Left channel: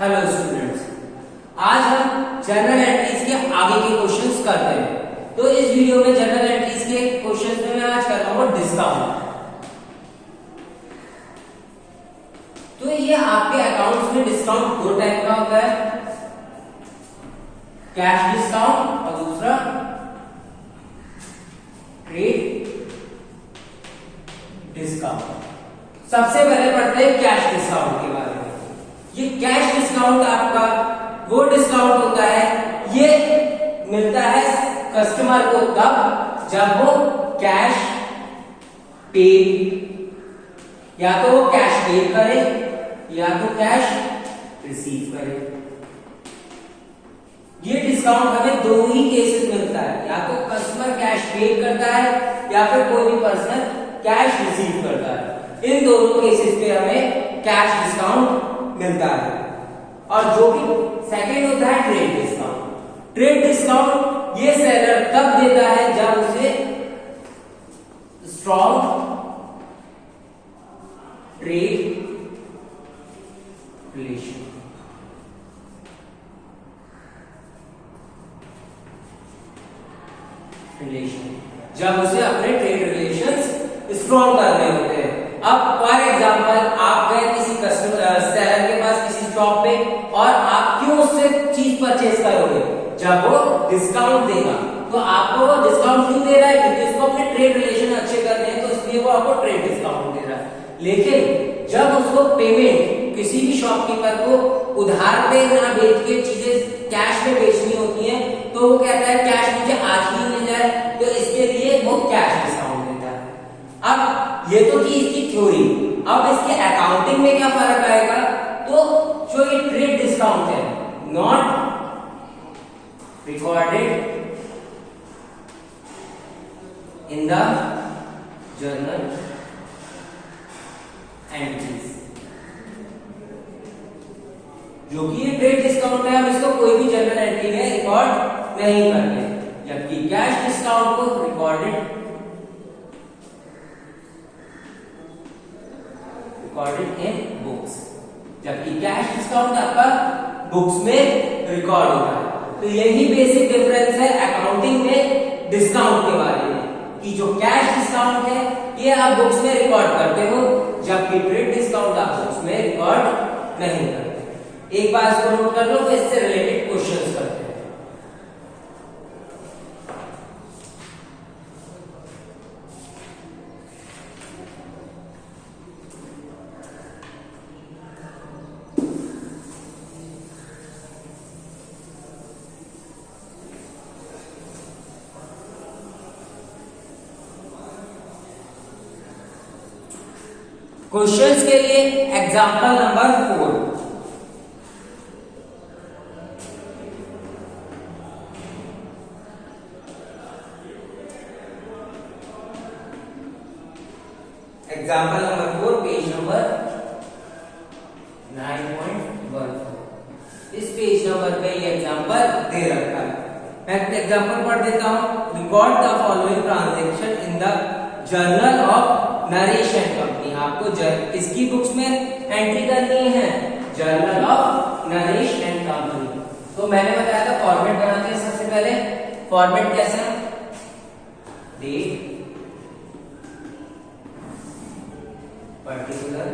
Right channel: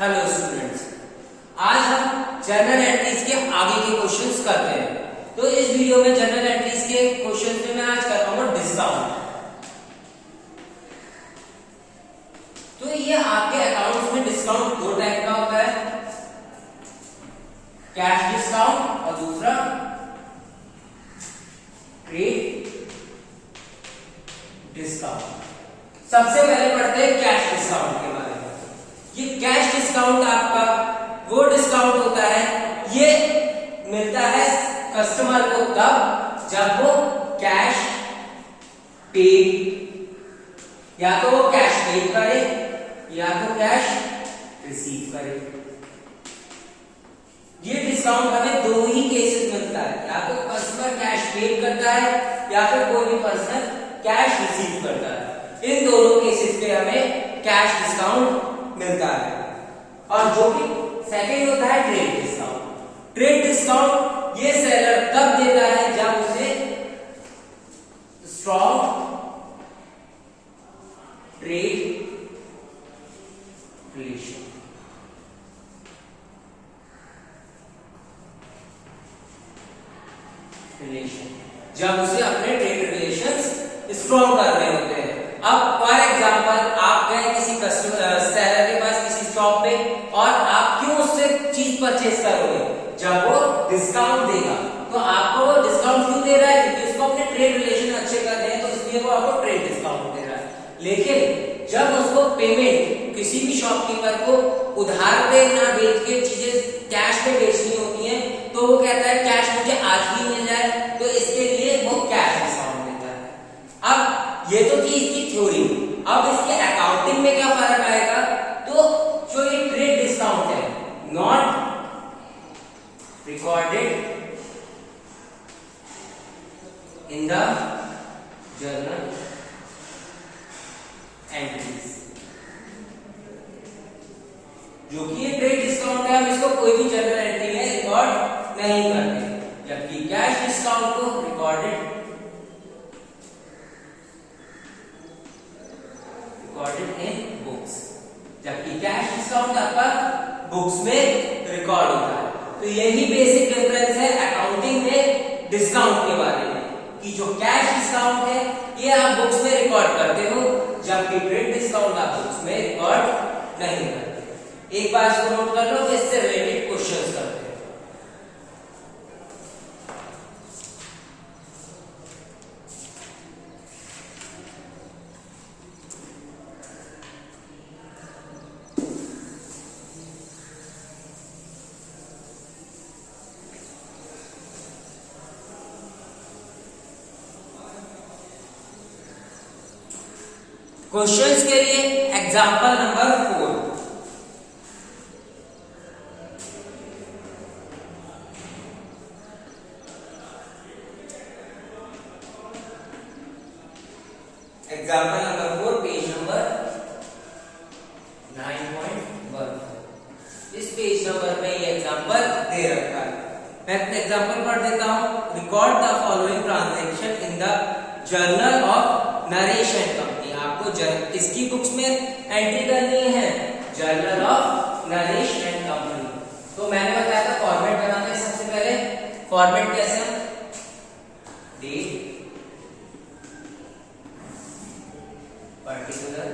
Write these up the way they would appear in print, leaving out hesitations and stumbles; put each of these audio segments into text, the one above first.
Hello students, आज हम journal entries के आगे के क्वेश्चंस करते हैं। तो इस वीडियो में जर्नल एंट्रीज के क्वेश्चंस में मैं आज कर रहा हूँ डिस्काउंट। तो ये आपके अकाउंट्स में डिस्काउंट दो टाइप का होता है, कैश डिस्काउंट और दूसरा ट्रेड डिस्काउंट। सबसे पहले पढ़ते हैं कैश डिस्काउंट के बारे में। ये कैश डिस्काउंट आपका वो डिस्काउंट होता है, ये मिलता है कस्टमर को तब जब वो कैश पे, या तो वो कैश पे करे या तो कैश रिसीव करे। ये डिस्काउंट हमें दो ही केसेस मिलता है, या तो कस्टमर कैश पे करता है या फिर कोई भी पर्सन कैश रिसीव करता है। इन दोनों केसेस पे हमें कैश डिस्काउंट मिलता है। और जो कि सेकंड होता है ट्रेड डिस्काउंट। ट्रेड डिस्काउंट ये सेलर तब देता है जब उसे स्ट्रॉन्ग ट्रेड रिलेशन, जब उसे अपने ट्रेड रिलेशंस स्ट्रॉन्ग करने होते हैं। अब फॉर एग्जांपल आप गए किसी कस्टमर सेलर के पास किसी शॉप पे, और आप क्यों उससे चीज परचेज करोगे? जब वो डिस्काउंट देगा। तो आपको वो डिस्काउंट क्यों दे रहा है? क्योंकि उसको अपने ट्रेड रिलेशन अच्छे करने हैं, तो इसलिए वो आपको ट्रेड डिस्काउंट दे रहा है। लेकिन जब उसको पेमेंट किसी भी शॉपकीपर को उधार पे ना बेच के चीजें कैश में बेचनी होती है, तो वो कहता है कैश मुझे आज ही मिल जाए, तो इसके लिए वो कैश डिस्काउंट देता है। अब ये तो थी इसकी थ्योरी। अब इसके अकाउंटिंग में क्या फर्क आएगा? तो जो ये ट्रेड डिस्काउंट है, not recorded in the journal entries. जो कि ये ट्रेड डिस्काउंट है, हम इसको कोई भी जर्नल एंट्री में रिकॉर्ड नहीं करते, जबकि कैश डिस्काउंट को रिकॉर्डेड इन बुक्स, जबकि कैश डिस्काउंट आपका बुक्स में रिकॉर्ड होता है। तो यही बेसिक डिफरेंस है अकाउंटिंग में डिस्काउंट के बारे में, कि जो कैश डिस्काउंट है ये आप बुक्स में रिकॉर्ड करते हो, जबकि ट्रेड डिस्काउंट आप बुक्स में रिकॉर्ड नहीं करते। एक बार इसको नोट कर लो, तो इससे रिलेटेड क्वेश्चंस करते हैं। क्वेश्चंस के लिए example number 4। Example number 4 page number 9.14। इस पेज नंबर पे ये एग्जांपल दे रखा है। मैं एग्जांपल पढ़ देता हूं। Record the following transaction in the journal of Naresh and company. आपको किसकी बुक्स में एंट्री करनी है? Journal of Naresh and company. तो मैंने बताया था फॉर्मेट बनाते हैं सबसे पहले। फॉर्मेट कैसा? Date, particular,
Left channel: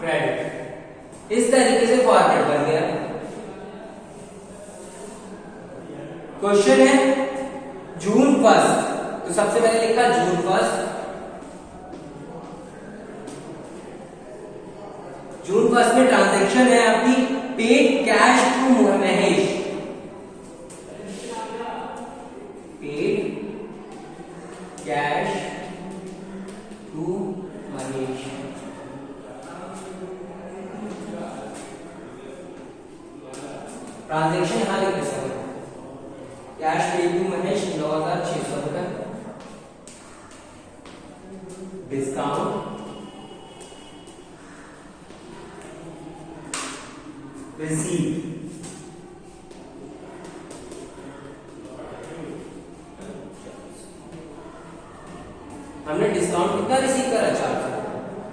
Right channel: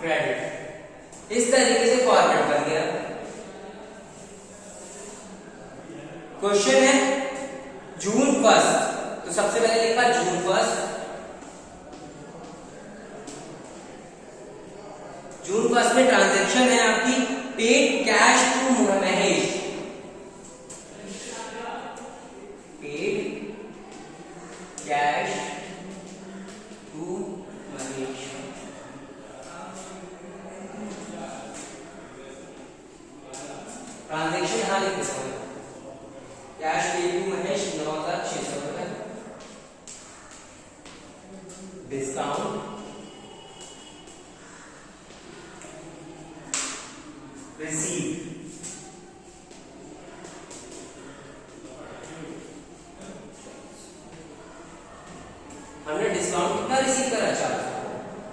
credit. इस तरीके से फॉर्मेट बन गया। क्वेश्चन है जून 1, तो सबसे पहले लिखा जून 1। जून 1 में ट्रांजैक्शन है आपकी paid cash to Mahesh. Paid cash to Mahesh. Transaction यहां लिख देता हूं, कैश पेड टू महेश 9600 रुपए। Discount receive. हमने डिस्काउंट कितना रिसीव करा, 400।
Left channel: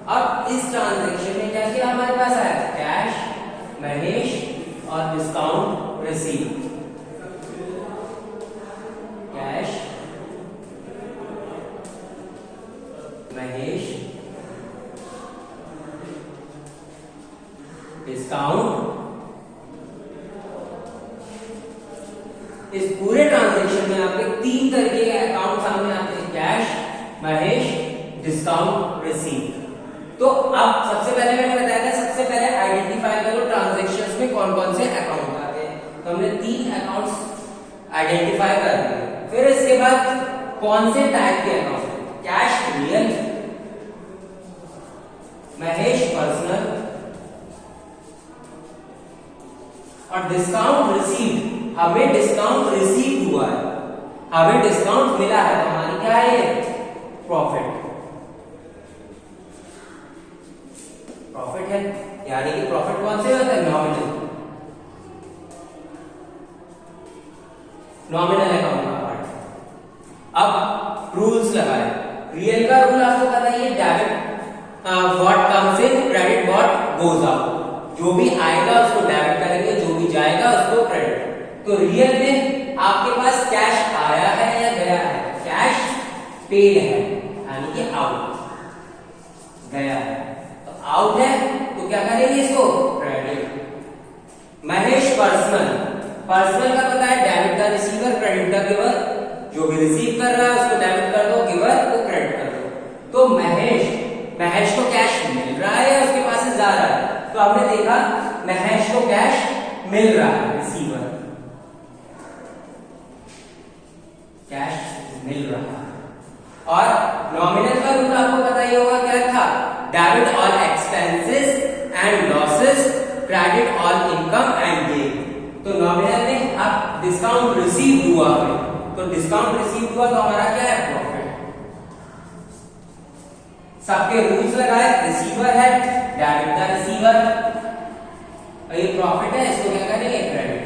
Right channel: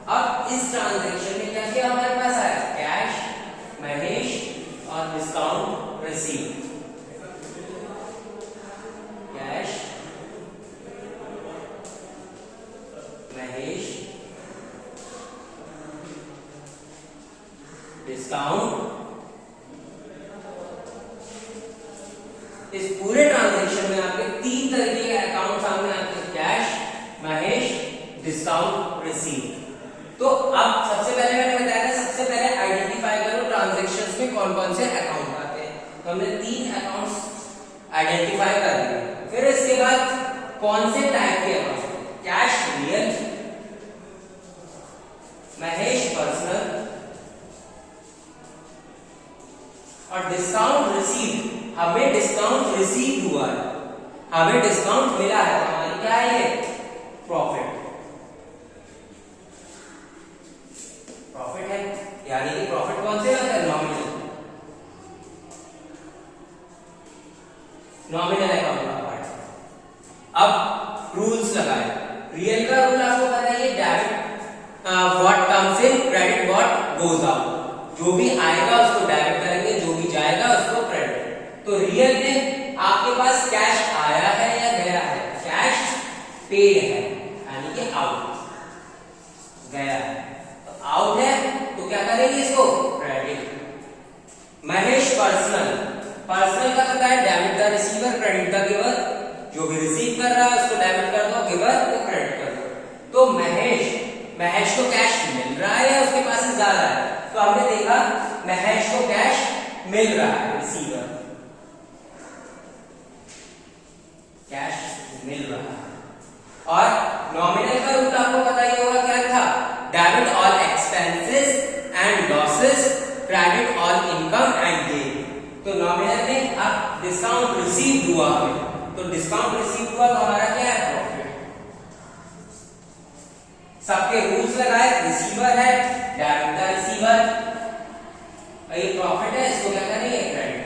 अब इस ट्रांजैक्शन में क्या किया, हमारे पास आया कैश महेश और discount receive. Cash Mahesh discount. इस पूरे ट्रांजैक्शन में आपके 3 तरीके के अकाउंट सामने आते हैं, कैश महेश डिस्काउंट रिसीव। तो अब सबसे पहले मैंने बताया था, सबसे पहले आइडेंटिफाई करो ट्रांजैक्शंस में कौन कौन से अकाउंट आते हैं। तो हमने 3 अकाउंट्स आइडेंटिफाई कर दिए। फिर इसके बाद कौन से टाइप के account, cash real, Mahesh personal और डिस्काउंट रिसीव। हमें डिस्काउंट रिसीव हुआ है, हमें डिस्काउंट मिला है, तो हमारी क्या है ये प्रॉफिट। प्रॉफिट है, यानी कि प्रॉफिट कौन से होता है, नॉमिनल। नॉमिनल अकाउंट का पार्ट। अब रूल्स लगाए। रियल का रूल आपको पता है, debit what comes in, credit what goes out. जो भी आएगा उसको डेबिट करेंगे, जो भी जाएगा उसको क्रेडिट। तो रियल में आपके पास कैश आया है या गया है, कैश पेड है यानी कि आउट, गया है तो आउट है, तो क्या करेंगे इसको, क्रेडिट। महेश पर्सनल, पर्सनल का पता है डेबिट का रिसीवर, क्रेडिट का गिवर। जो भी रिसीव कर रहा है उसको डेबिट कर दो, गिवर को क्रेडिट कर दो। तो महेश को कैश मिल रहा है या उसके पास से जा रहा है, तो हमने देखा महेश को कैश मिल रहा है, रिसीवर कैश मिल रहा है। और नॉमिनल का रूल आपको पता ही होगा, क्या था, debit all expenses and losses, credit all income and gain. तो नॉमिनल में अब डिस्काउंट रिसीव हुआ हमें, तो डिस्काउंट रिसीव हुआ तो हमारा क्या है, प्रॉफिट। सबके रूल्स लगाए, रिसीवर है, डेबिट का रिसीवर, और ये प्रॉफिट है, इसको क्या करेंगे, क्रेडिट।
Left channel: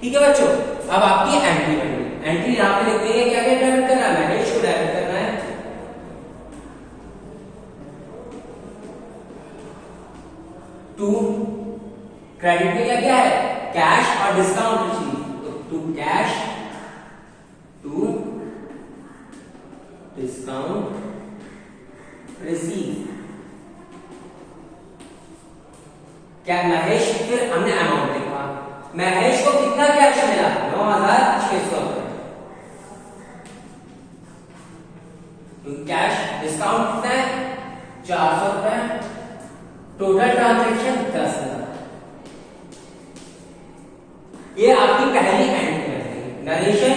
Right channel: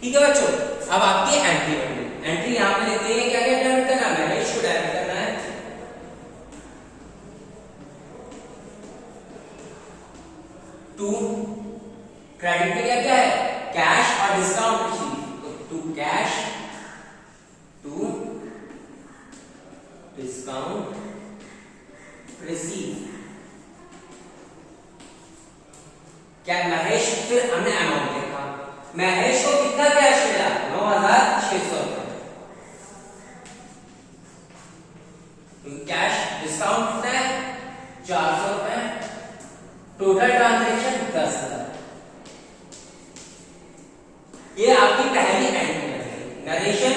ठीक है बच्चों, अब आपकी एंट्री बनी। एंट्री यहां पे लिख देंगे, क्या क्या डेबिट करना है, महेश को डेबिट करना है 2, क्रेडिट में क्या क्या है, कैश और डिस्काउंट रिसीव। तो 2 कैश, 2 डिस्काउंट रिसीव। क्या महेश, फिर हमने अमाउंट देखा, महेश को कितना कैश मिला, 9,600 रुपए। कैश डिस्काउंट कितना है, 400 रुपए। Total transaction 10,000। ये आपकी पहली एंट्री है। Narration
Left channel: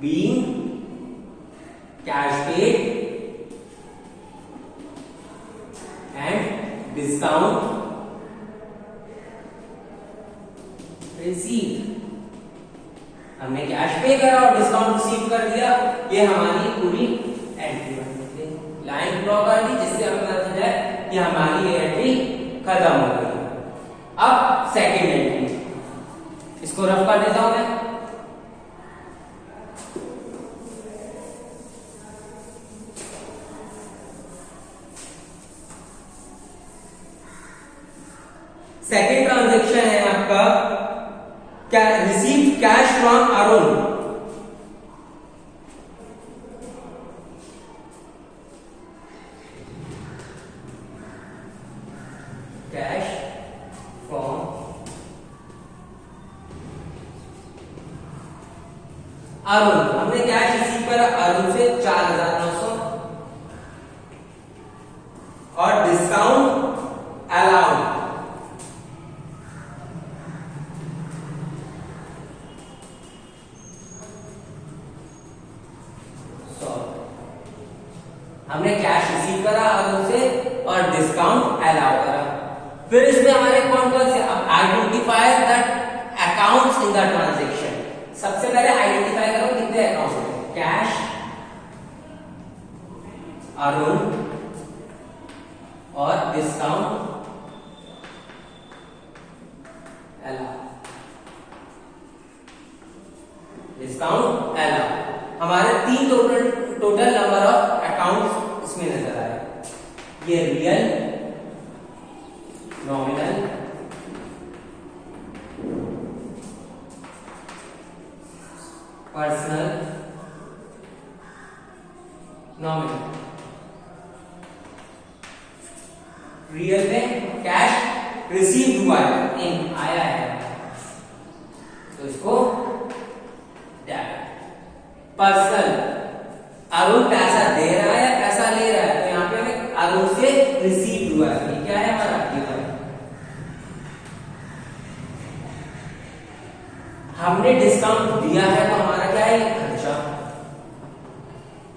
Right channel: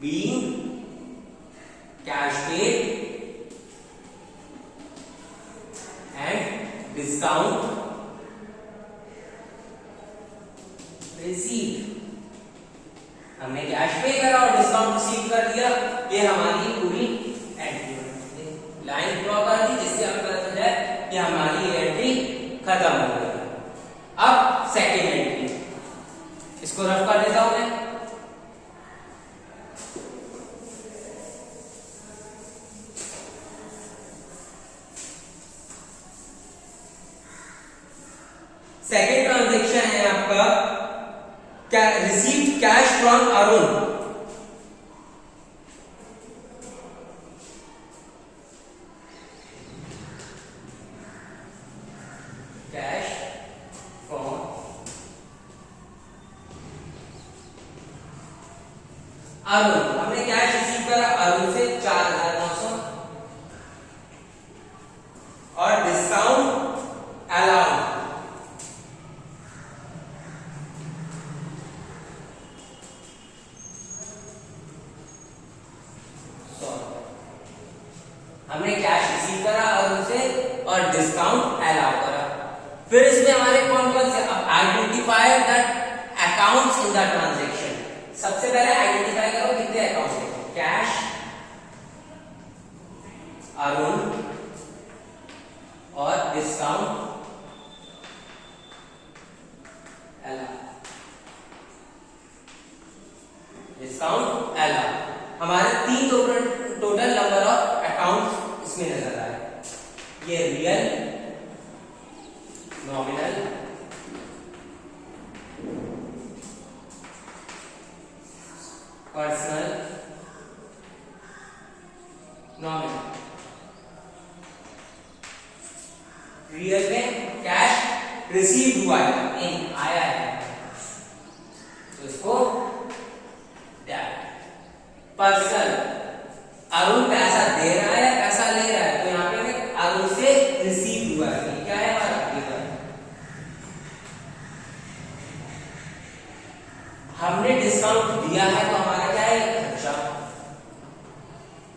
being cash paid and discount receive. हमने कैश पे करा और डिस्काउंट रिसीव कर दिया, ये हमारी पूरी एंट्री बन गई। लाइन ड्रॉ कर दी, जिससे हम कहते हैं कि हमारी एंट्री खत्म हो गई। अब सेकेंड एंट्री, इसको रफ कर देता हूं मैं। सेकेंड ट्रांजैक्शन है आपका, receive cash from Arun. Cash from Arun, हमने कैश रिसीव करा अरुण से 4,900 और डिस्काउंट अलाउड हमने कैश रिसीव करा और उनसे और डिस्काउंट अलाउ करा। फिर इसमें हमारे कौन कौन से, अब identify the accounts in the transaction. सबसे पहले आइडेंटिफाई करो कितने अकाउंट्स हैं, कैश अरुण और डिस्काउंट ये real, nominal, personal, nominal. Real में कैश रिसीव हुआ है, इन आया है, तो इसको डेबिट। पर्सनल, अरुण पैसा दे रहा है या पैसा ले रहा है, तो यहाँ पे हमें अरुण से रिसीव हुआ है, ये क्या है हमारा गिवन। हमने डिस्काउंट दिया है तो हमारा क्या है, खर्चा,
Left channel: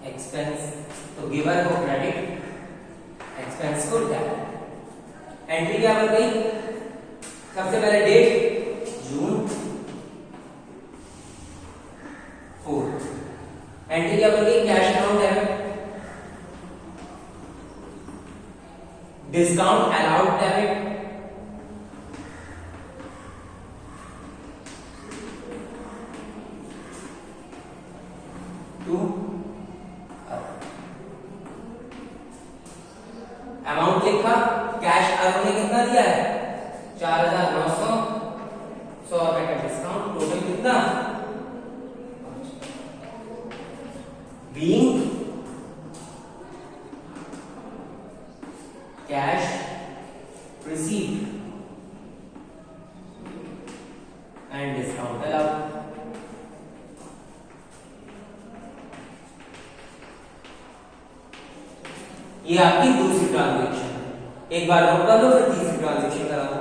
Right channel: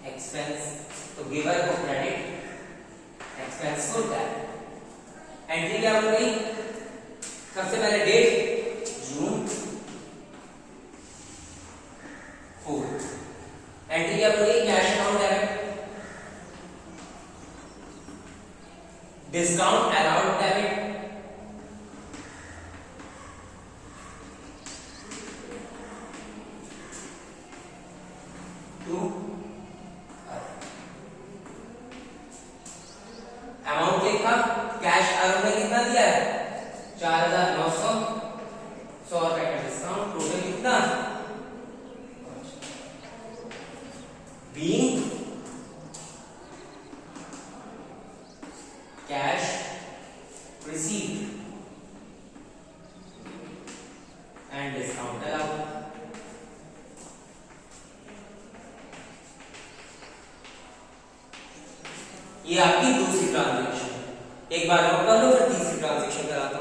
एक्सपेंस, तो गिवर को क्रेडिट, एक्सपेंस को डेबिट। एंट्री क्या बन गई, सबसे पहले डेट जून 4, एंट्री क्या बन गई, cash amount debit, discount allowed debit, to amount लिखा, कैश अरुण ने कितना दिया है 4,900, 100 रुपए का डिस्काउंट, टोटल कितना, being cash receive and discount allowed. ये आपकी दूसरी ट्रांजैक्शन, एक बार नोट कर लो, फिर तीसरी ट्रांजैक्शन कराता हूं।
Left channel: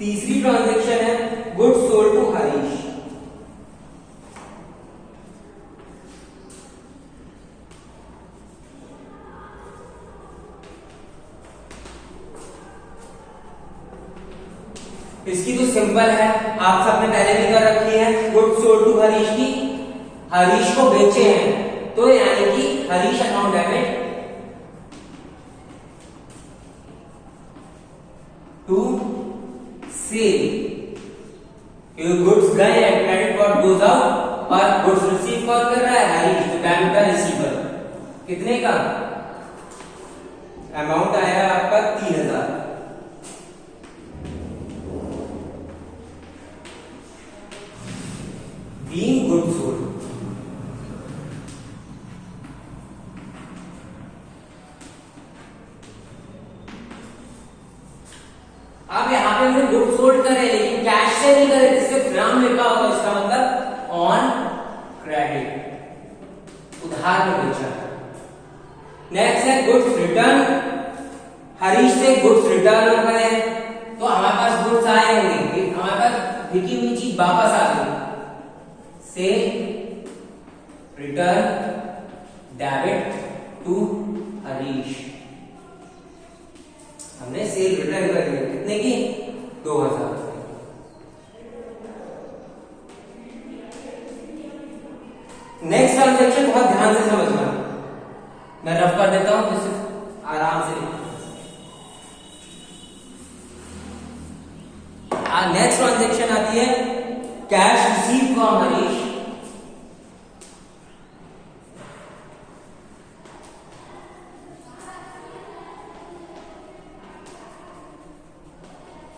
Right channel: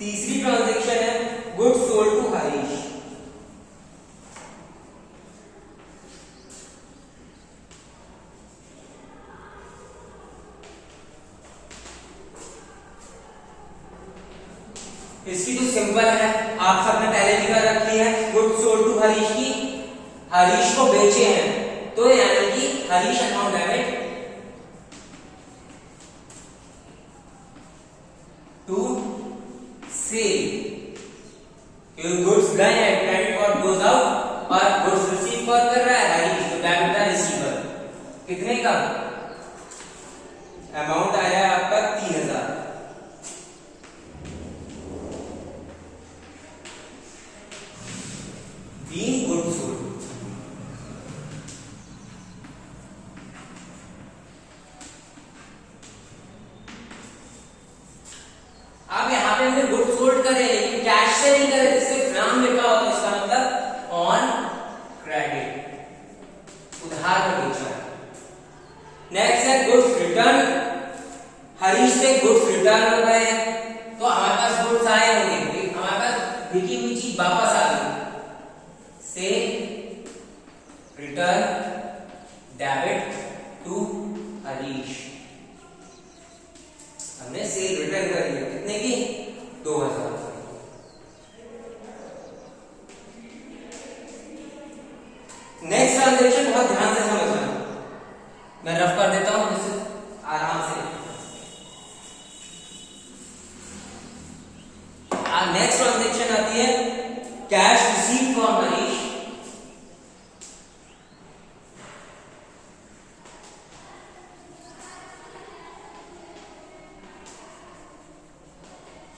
तीसरी ट्रांजैक्शन है गुड्स सोल्ड टू हरीश। इसकी तो सिंपल है, आप सबने पहले भी कर रखी है, गुड्स सोल्ड टू हरीश की, हरीश को बेचे हैं, तो यानी कि Harish account debit to sale, goods गए हैं, क्रेडिट कॉस्ट गोज आउट, और गुड्स रिसीव कौन कर रहा है, हरीश, डेबिट का रिसीवर। कितने का अमाउंट आया आपका 3,000, बीइंग गुड्स सोल्ड। अब यहाँ पे हमने गुड्स सोल्ड करे, लेकिन कैश से नहीं करे, सिर्फ नाम लिखा होगा, इसका मतलब ऑन क्रेडिट, उधार में बेचा। नेक्स्ट है गुड्स रिटर्न, हरीश से गुड्स रिटर्न हो गए, तो हमारे पास गुड्स आए होंगे, हमारे पास बिकी हुई चीज वापस आ गई, से रिटर्न डेबिट टू हरीश, हमने सेल रिटर्न कर दिया, कितने की 2,000। नेक्स्ट ट्रांजैक्शन बहुत ध्यान से समझना, मैं रफ कर देता हूं जिससे आराम से। नेक्स्ट ट्रांजैक्शन आती है cash receive from Harish,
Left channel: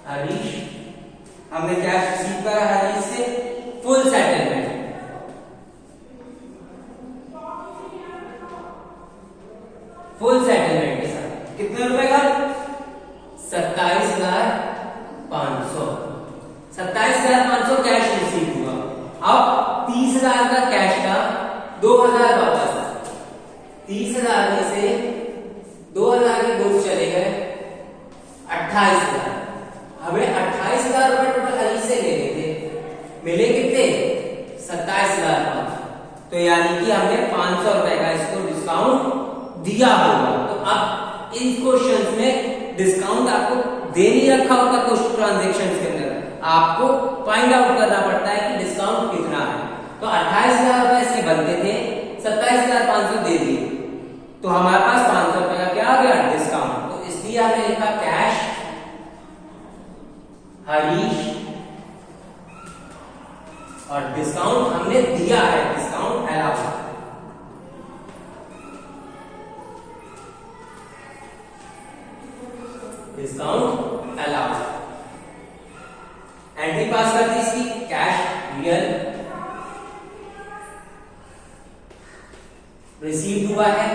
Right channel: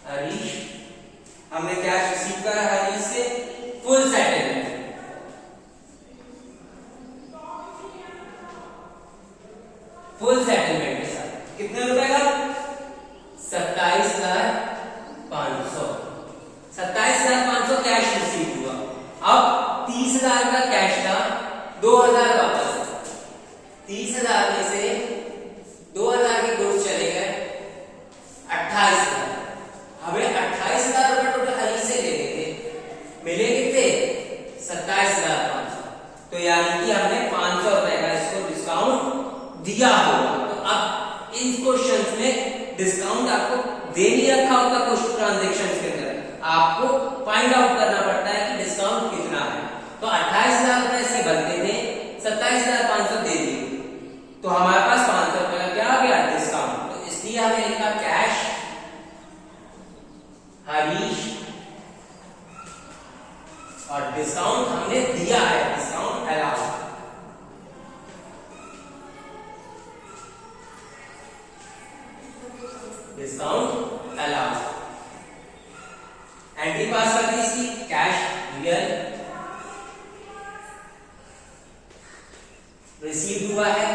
Harish, हमने कैश रिसीव करा हरीश से, फुल सेटलमेंट, फुल सेटलमेंट के साथ कितने रुपए का 27,500, 27,500 कैश रिसीव हुआ। अब 30,000 का कैश था, 2,000 वापस, 30,000 में से 2,000 के गुड्स चले गए 28,000। हमें 28,000 रुपए टोटल हरीश से लेने थे, मिले कितने तो यानी कि हमने 500 रुपए का इसको डिस्काउंट दिया होगा। तो अब इन क्वेश्चंस में डिस्काउंट आपको दे नहीं रखा होता कुछ ट्रांजेक्शन के अंदर, आपको फाइंड आउट करना पड़ता है कि डिस्काउंट कितना है। तो 28,000 रुपए से बनते थे, 27,500 दे दिए, तो हमारे पास 500 रुपए का क्या आ गया डिस्काउंट। तो इसलिए हमने लिखा कैश हरीश, और डिस्काउंट हमने दिया है, discount allowed. Discount allowed. Entry पास कर दी इसकी, कैश रियल, रिसीव हुआ है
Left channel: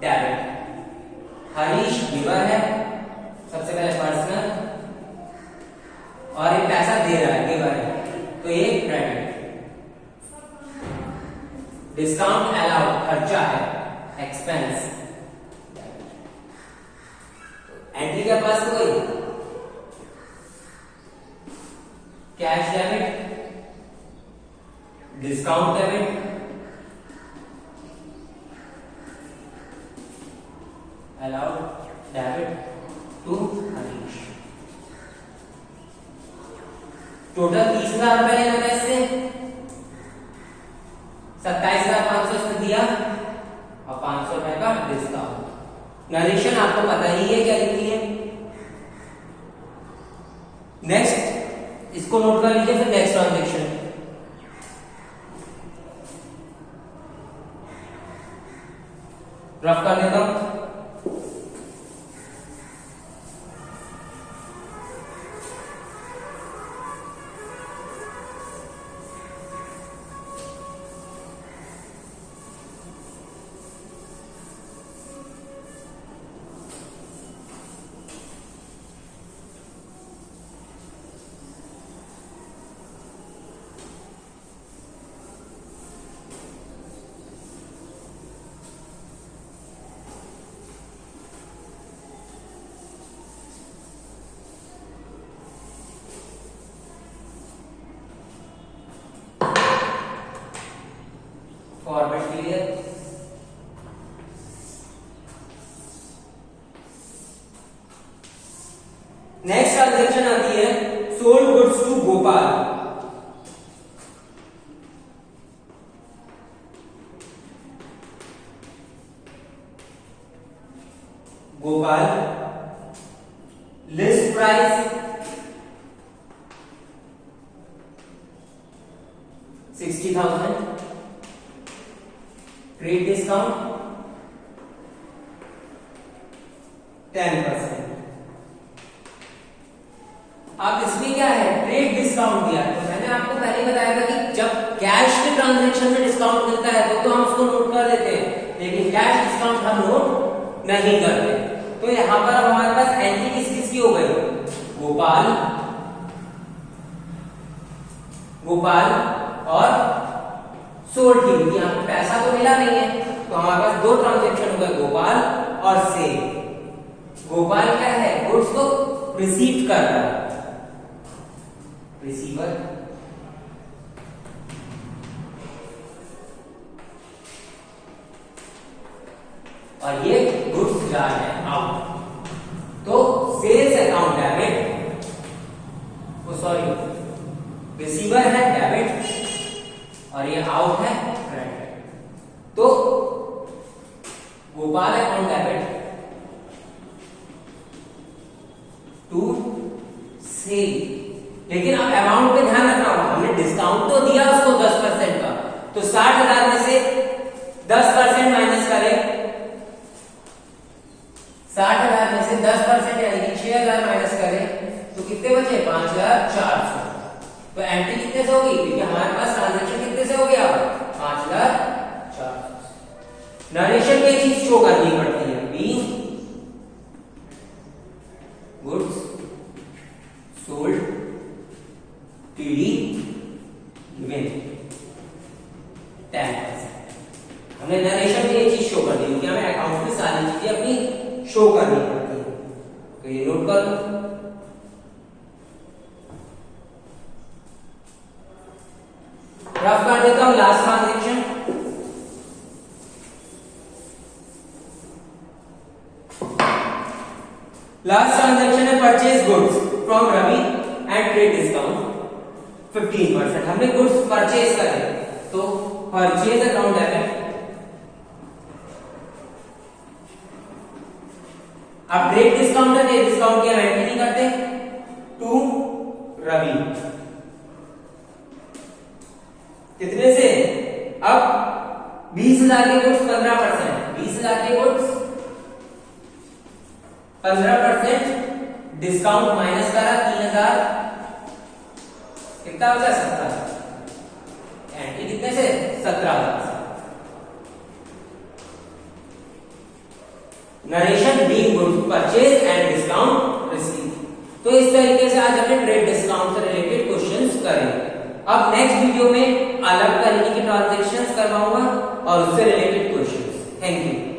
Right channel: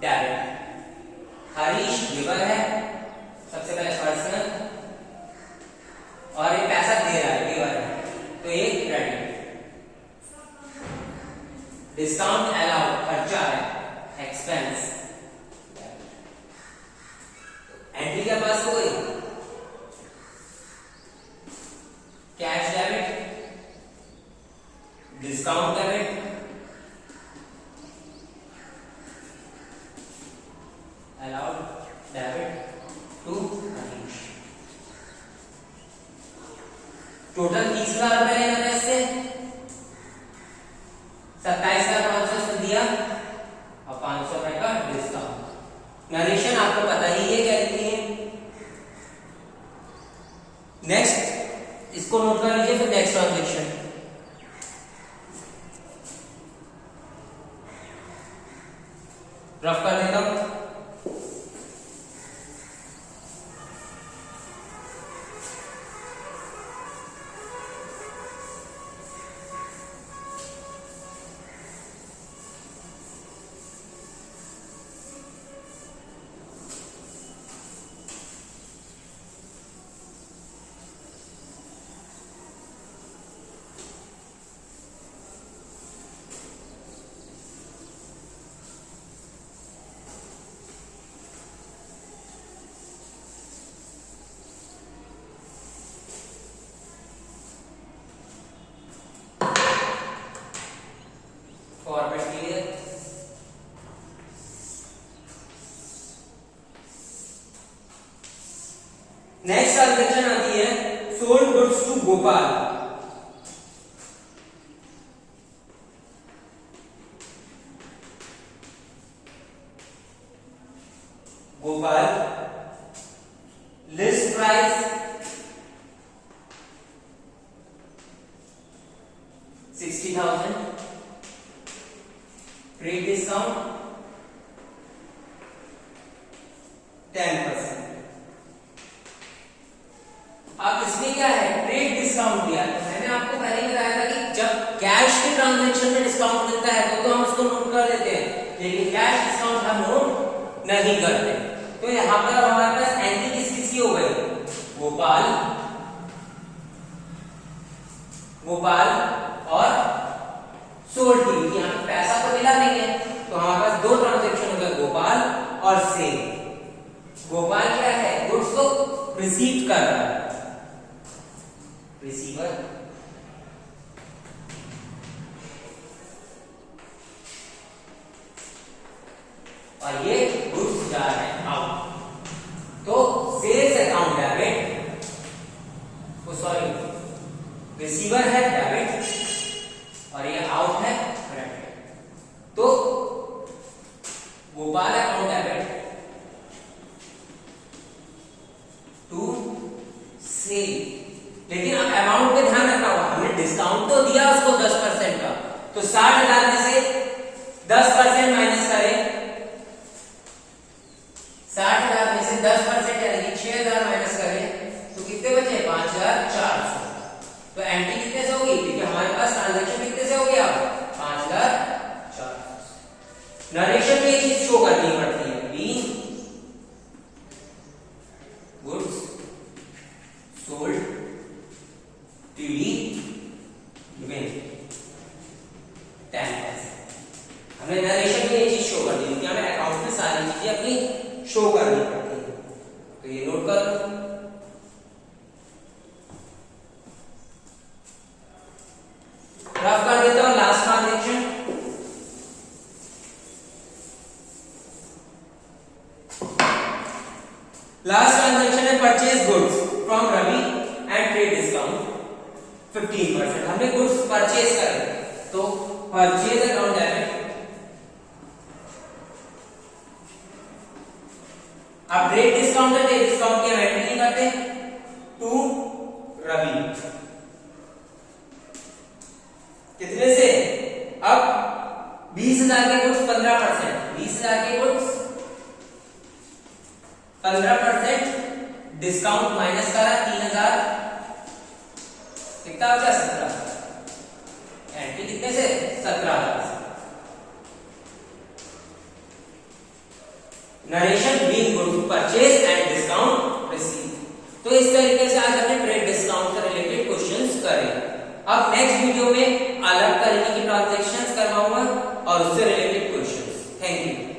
डेबिट, हरीश गिवर है सबसे पहले पर्सनल, और ये पैसा दे रहा है गिवर है तो ये क्रेडिट। डिस्काउंट अलाउड खर्चा है एक्सपेंस। एंट्री के पास कोई cash debit, discount debit, allowed debit to Harish. Total 30,000 रुपए लेना था इससे, 27,500 इसमें दिया और 500 रुपए का डिस्काउंट। नरेशन आपको पता ही है क्या लिखती है। नेक्स्ट इसको नोट कर लीजिए, फिर नेक्स्ट ट्रांजेक्शन। रफ कर देता हूं। Format clear. नेक्स्ट ट्रांजेक्शन आती है sold goods to Gopal. Gopal, list price 60,000, trade discount 10%। अब इसमें क्या है, ट्रेड डिस्काउंट दिया। तो मैंने आपको पहले बताया था कि जब कैश के ट्रांजैक्शन में डिस्काउंट मिलता है तो हम उसको नोट कर देते हैं, लेकिन कैश डिस्काउंट हम नोट नहीं करते। तो यहां पर हमारे पास एंट्री किस किस की हो गई, गोपाल, गोपाल और सोल्ड की। यहाँ पे पैसा तो मिला नहीं है, तो हमारे पास दो ट्रांजैक्शन हो गए, गोपाल और सेल। गोपाल क्या है, गुड्स को रिसीव कर रहा है, रिसीवर, और ये गुड्स जा रहे हैं आउट। तो sales account debit, sorry receiver है डेबिट और ये आउट है क्रेडिट। तो Gopal account debit to sale. लेकिन अब अमाउंट पे ध्यान रखना होगा, हमने डिस्काउंट तो दिया उसको 10% का, तो 60,000 में से 10% माइनस करें, 60,000 में से 10% यानी कि 6,000 माइनस करें तो कितने बचे, 5,400। तो एंट्री कितने से होगी, क्योंकि हमारे पास ट्रांजैक्शन कितने से हो गया, 5,400। नरेशन में एक चीज शो करनी पड़ती है, गुड्स सोल्ड गिवन 10%। हमने नरेशन में ये चीज शो कर दी, क्योंकि हमें अकाउंट में सारी चीजें अपनी शो करनी पड़ती है। तो ये नोट कर लो। रफ कर देता हूं लास्ट ट्रांजेक्शन। लास्ट ट्रांजैक्शन है purchase goods from Ravi and trade discount 15%। हमने गुड्स परचेज करे तो परचेज अकाउंट है, अब ट्रेड डिस्काउंट करते, डिस्काउंट की हम एंट्री नहीं करते, टू रवि कितने से, अब 20,000 के गुड्स 15%, 20,000 के गुड्स 15% डिस्काउंट माइनस करा 3,000, कितना बचा 17, एंट्री कितने से 17,000। Narration being goods purchase and discount receive. तो इस तरीके से आज हमने ट्रेड डिस्काउंट से रिलेटेड क्वेश्चंस करे। अब नेक्स्ट वीडियो में अलग तरीके की ट्रांजैक्शंस करवाऊंगा और उससे रिलेटेड क्वेश्चंस। Thank you.